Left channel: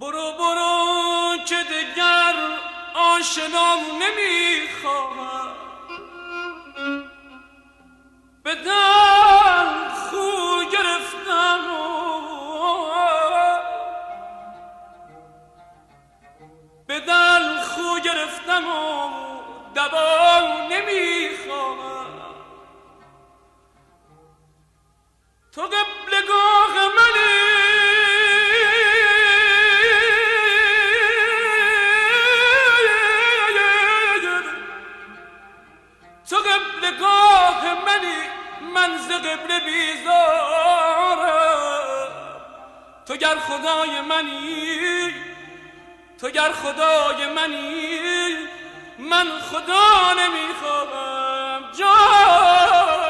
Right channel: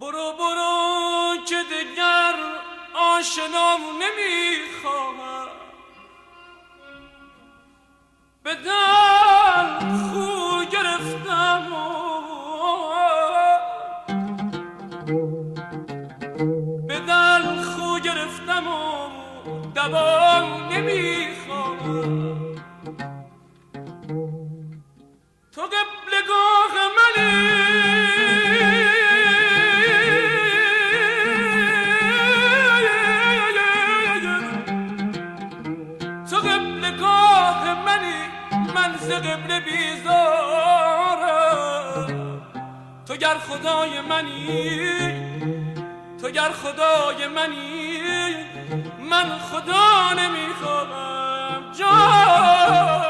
برو برو که دگر آشنام نمیخواهم، به دل خو گرفتم به دل خو گرفتم و دوام نمیخواهم. تو قبلگاه منی، تو قبلگاه منی، من ز قبله بیزارم. تو گر خدای منی، تو گر خدای منی، من خدا نمیخواهم جان.